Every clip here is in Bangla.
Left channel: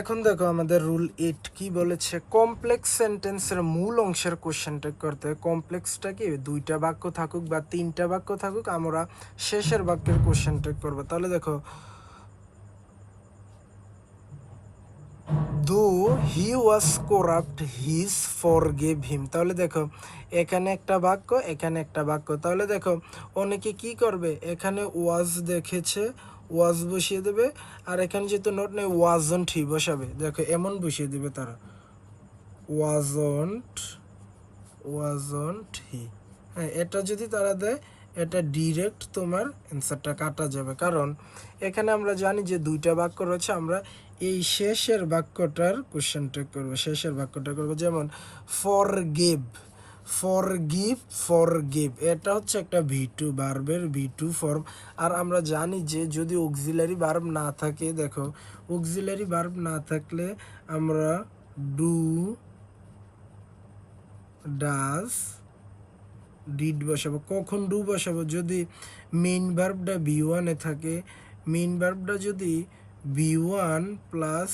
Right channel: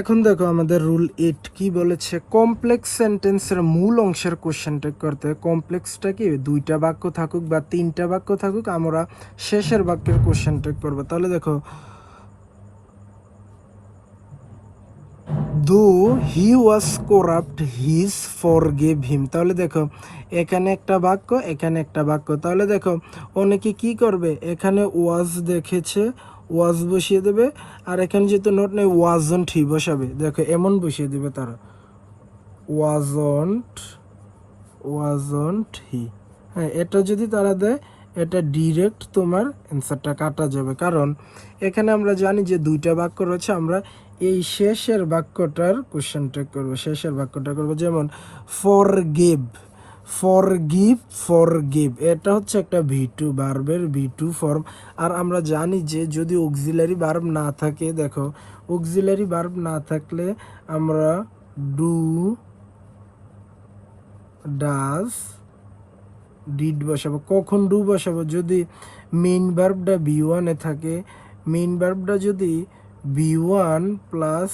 এখন দেখো আমাদের রুল 8 কি বলেছে, কমপ্লেক্স সেন্টেন্সের মূল অংশের কোশ্চেনটা করতে। কমপ্লেক্সটা কি দুইটা বাক্য থাকুক বা তিনটা বাক্য থাকুক, আমরা শেষের বাক্যের কোশ্চেনটা করব। তাহলে দেখো, দো হি ওয়াজ করাপ্ট হিজ ফরগিভ হিম। তাহলে দেখো এখানে একটা বাক্য, এখানে একটা বাক্য। তাহলে দেখো অনেকে কি করবে, এখানে ওয়াজ দেখেছে, ওয়াজ বসিয়ে দেবে, আর এখানে যেহেতু নোট নেই ওয়াজন্ট হি বসাবে। দেখো এমন বসিয়ে দেবে তারা, ওয়াজন্ট হি। হ্যাঁ, এটা যদি তারা দেয়, এটা ডিরেক্ট তোমার অ্যান্সারটা কাটা যাবে। কারণ এখানে আমরা জানি যে দুইটা বাক্য রয়েছে, আমরা এই শেষের বাক্যটার কোশ্চেনটা করব, শেষের বাক্যটা করব। যেমন ফরগিভ, ফরগিভ এটা হচ্ছে একটা ভি2 ভার্বের ভি2 ফর্ম। আর আমরা জানি যে যদি অক্সিলারি ভার্ব না থাকে, দেখো অক্সিলারি ভার্ব না থাকলে আমরা ডু, ডাজ, ডিড বসাবো। কখন ডু বসাবো? যদি মেইন ভার্বটা বি1-এ থাকে, মেইন ভার্বটা যদি বি1 প্লাস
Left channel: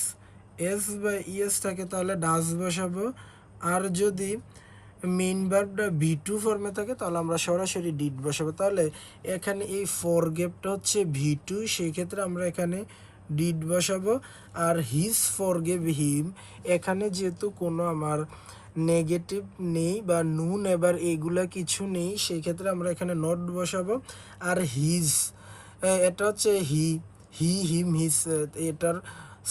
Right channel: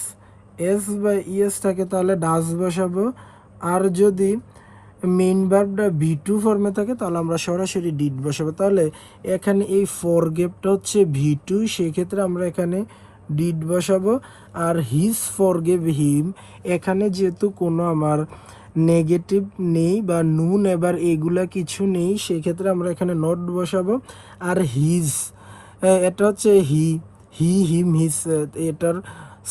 এস বা ইএস থাকে তাহলে ডাজ বসাবো। আর যদি মেইন ভার্বটা ভি2 ফর্মে থাকে তাহলে আমরা সরাসরি ডিড বসাবো। তাহলে এখানে এই ফরগিভটা হচ্ছে ভি2, সেই ক্ষেত্রে আমরা এখানে ডিড বসাবো। আর হিজ ফরগিভ হিম, এখানে যেহেতু কোনো আমার নেগেটিভ নেই বা নুন এবার এগুলা কিছু নেই, সেই ক্ষেত্রে আমরা এখানে নট বসাবো। আর হিজ, এটা হচ্ছে হিম হিজ, এটার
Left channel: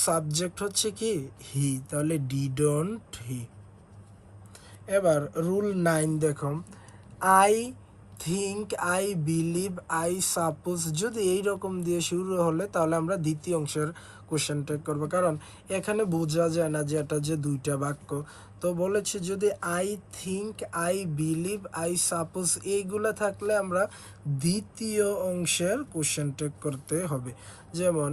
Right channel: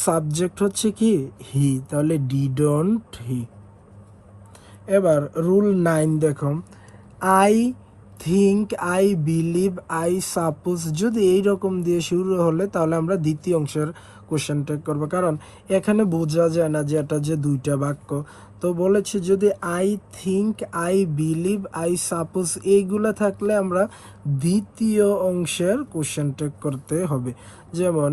সাবজেক্ট হচ্ছে কি হি, তাহলে ডিডন্ট হি। এবার রুল 9 দেখো, I think, I believe, I suppose, যদি এইরকম দিয়ে শুরু হলে তাহলে আমরা দ্বিতীয় অংশের কোশ্চেনটা করবো। কারণ এখানে বোঝা যায় না যে এটা যে দুইটা বাক্য। তো বলেছি যদি I think, I believe, I suppose এইগুলো থাকলে আমরা দ্বিতীয় অংশের কোশ্চেনটা করতে হবে। যেমন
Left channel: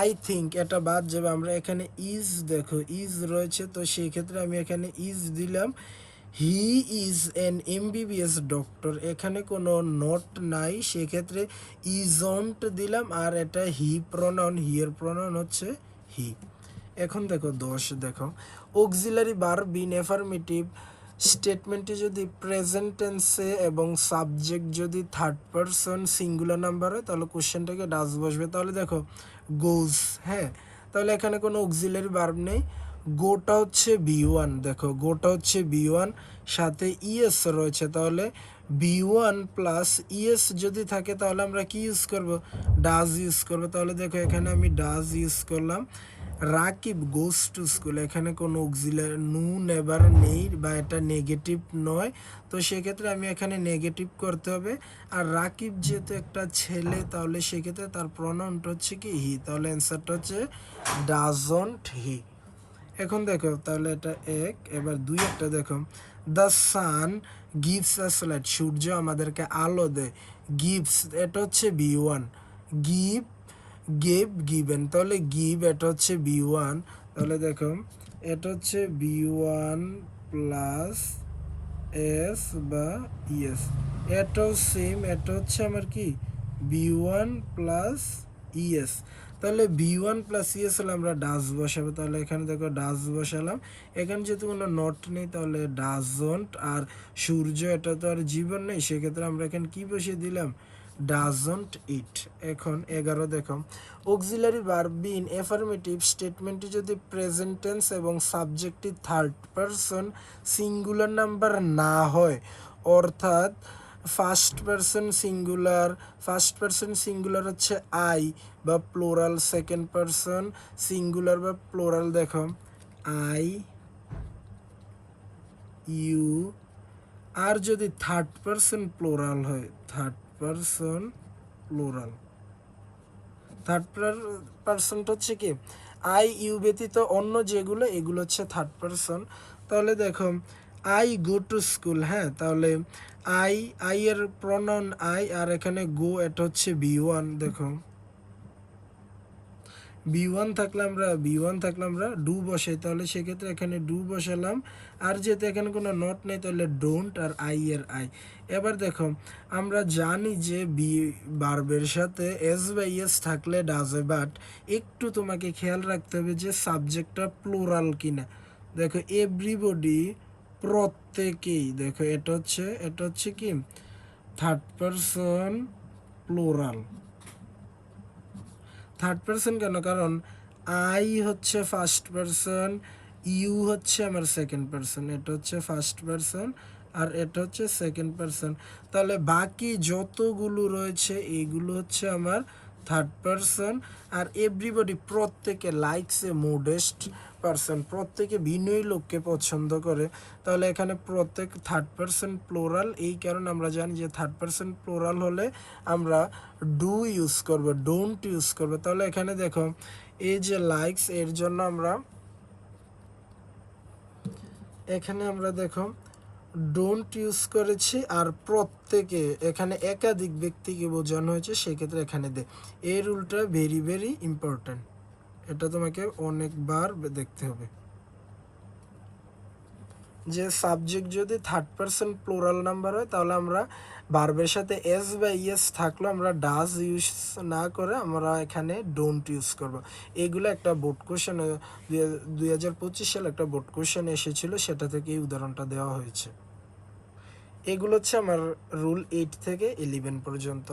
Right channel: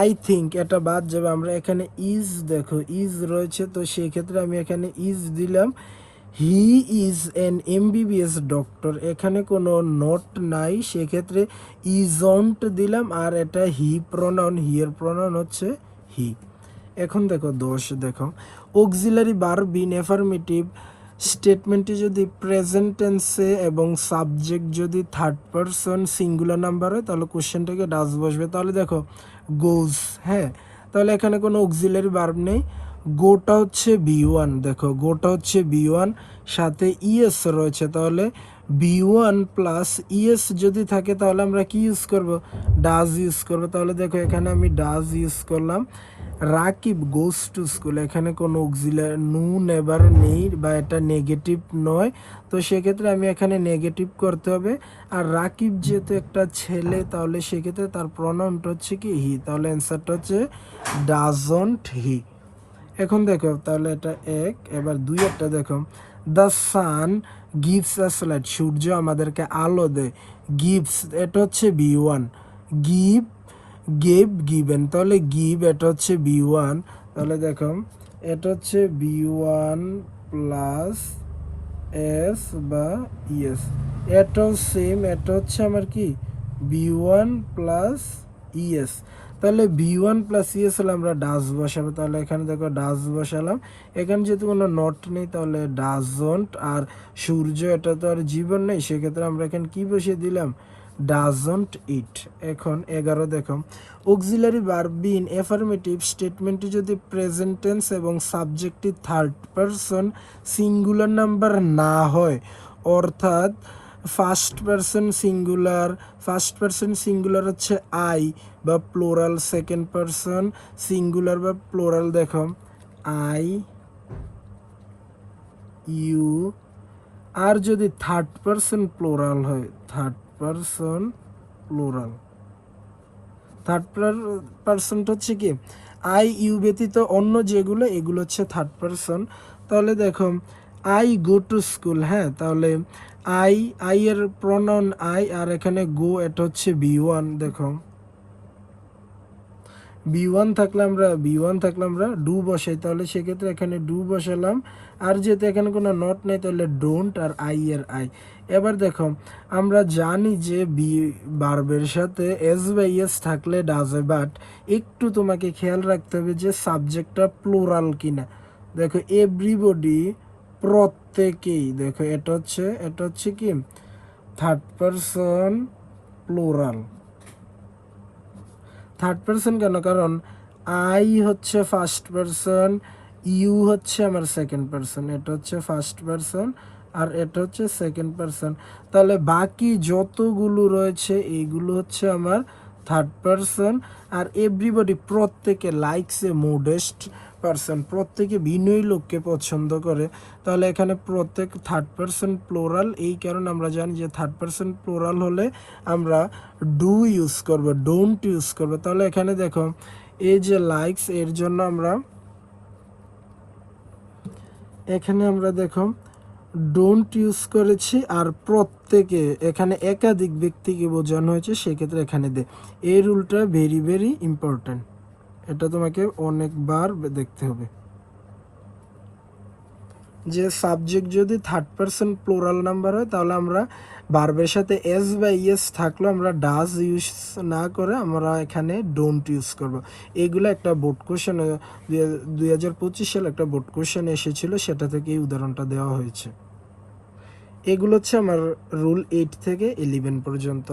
আই থিঙ্ক এটা বাদ যাবে, আমরা এখানে ইজ, দেখো ইজ রয়েছে, তো সেই ক্ষেত্রে আমি এখানে ইজ দিলাম। He is an MBBS doctor, এখানে কোনো নোট নাই, সেক্ষেত্রে ইজন্ট দিলাম। আর এটা হি প্রনাউন, হিয়ের প্রনাউন হচ্ছে হি। এখন দেখো দোষ, দেখো অক্সিলারি ভার্ব ইন অ্যাফার্মেটিভ স্টেটমেন্টটি যদি প্রেজেন্ট টেন্সে এবং সাবজেক্ট যদি থার্ড পারসন সিঙ্গুলার নাম্বার হয় তাহলে কোশ্চেনটাকে ডাজ বসবে। তাহলে দেখো গোজ, হ্যাঁ, তাহলে এখানে কোনো অক্সিলারি ভার্ব নেই। গোটা হচ্ছে বি1, দেখো গোটা হচ্ছে বি1, সাথে ইএস রয়েছে, তাহলে বি1 প্লাস ইএস যদি থাকে তাহলে আমরা কি ইউজ করব, ডাজ ইউজ করব। তাহলে দেখো এখানে আমি ডাজ ইউজ করলাম। রাকিব গোস টু স্কুল, এখানে কোনো অক্সিলারি নুন এবার নেই বা এটা নেগেটিভ নয়, তো সেক্ষেত্রে আমি এখানে নেগেটিভ করতে হবে। আর রাকিব যেহেতু একটা ছেলে তাহলে সেক্ষেত্রে তার প্রনাউনটা হচ্ছে কি হি, তাহলে অ্যান্সারটা হচ্ছে ডাজন্ট হি। এখন দেখো তাহলে এটা এক। এবার দুই একটা দেখো, the sun gives us light, সূর্য আমাদেরকে আলো দেয়। গিভস এটা হচ্ছে বি1, গিভ, গেভ, গিভেন, তাহলে গিভ এটা হচ্ছে বি1, তাহলে দেখো এটা হচ্ছে বি1 প্লাস এস বা ইএস, এটাও সেম, এটা হচ্ছে আমার কি বি1 প্লাস ইএস। তাহলে বি1 প্লাস ইএস হলে আমরা ডাজ বসাবো, তাহলে এখানে দেখো ডাজ বসালাম। এখানে যেহেতু কোনো নট নেই তাহলে ডাজন্ট, আর সূর্য এটা তো আর জীবন নেই, সেক্ষেত্রে আমরা এখানে কি বসিয়ে দিলাম, ডাজন্ট ইট। এখন 11 দেখো, অক্সিলারি ভার্ব ইন অ্যাফার্মেটিভ স্টেটমেন্টটি যদি প্রেজেন্ট টেন্স এবং সাবজেক্টটি থার্ড পারসন সিঙ্গুলার নাম্বার না হয়, অর্থাৎ ফার্স্ট পারসন সিঙ্গুলার হচ্ছে আই বা প্লোরাল, সেকেন্ড পারসন সিঙ্গুলার বা প্লোরাল, দেখো আই, ইউ। আর যদি থার্ড পারসন প্লোরাল হয়, থার্ড পারসনটা হচ্ছে কি আই ইউ ব্যতীত অন্য যেগুলো এগুলো হচ্ছে থার্ড পারসন। তাহলে দেখো আই গো টু স্কুল, হ্যাঁ, তাহলে আই এর প্রনাউন আই, আর এখানে গো এটা হচ্ছে বি1, দেখো বি ওয়ান থাকলে আমরা ডু বসাই, তাহলে সেক্ষেত্রে এখানে ডু বসালাম। আর যেহেতু এখানে কোনো নট নেই তাহলে ডোন্ট আর আই এর আই। এবার দেখো আমরা জানি যে ভার্বের সাথে এস বাই এস থাকলে ডাজ হয়, বাট একটু তোমাকে খেয়াল রাখতে হবে যে সাবজেক্টটা প্লোরাল কিনা। দেখো এভরিবডি, প্রত্যেকেই, দেখো এটা হচ্ছে কি third person plural. Third person কেন? কারণ আই হচ্ছে ফার্স্ট পারসন, ইউ হচ্ছে আমার সেকেন্ড পারসন, এটা হচ্ছে ফার্স্ট পারসন আর এটা হচ্ছে সেকেন্ড পারসন। তাহলে বাকি যতগুলো রয়েছে এইগুলো হচ্ছে আমার থার্ড পারসন। আর এভরিবডি, প্রত্যেকে, লাইকস এ মোডেস্ট পারসন, প্রত্যেকে বিনয়ী লোককে পছন্দ করে। তাহলে এখানে প্রত্যেক থার্ড পারসন প্লোরাল, এই কারণে আমরা জানি যে থার্ড পারসন প্লোরাল হলে আমরা ডু ইউজ করব, ডোন্ট ইউজ করব। তাহলে এখানে দেখো এই যে লাইকস, এর জন্য আমরা দেখো ডোন্ট ইউজ করেছি। আর প্রত্যেকে, এখানে একাধিক ব্যক্তিকে বোঝানো হয়েছে, সেক্ষেত্রে এখানে দে। এই রুলটা ভেরি ভেরি ইম্পর্ট্যান্ট, এটা তোমাকে অনেকবার দেখতে হবে যে সাবজেক্ট যদি থার্ড পারসন প্লোরাল নাম্বার হয় তাহলে আমরা ভার্বের সাথে এস বা ইএস থাকলেও আমরা ডাজ ইউজ না করে আমরা এখানে ডোন্ট ইউজ করব। এইগুলো একটা বোর্ড কোশ্চেন 2025 সালে একটা বোর্ড কোশ্চেন এসেছিল, সেটা থেকে এই উদাহরণটা দেওয়া হয়েছে। এগুলো হচ্ছে আমার রুল 8 থেকে 11 পর্যন্ত।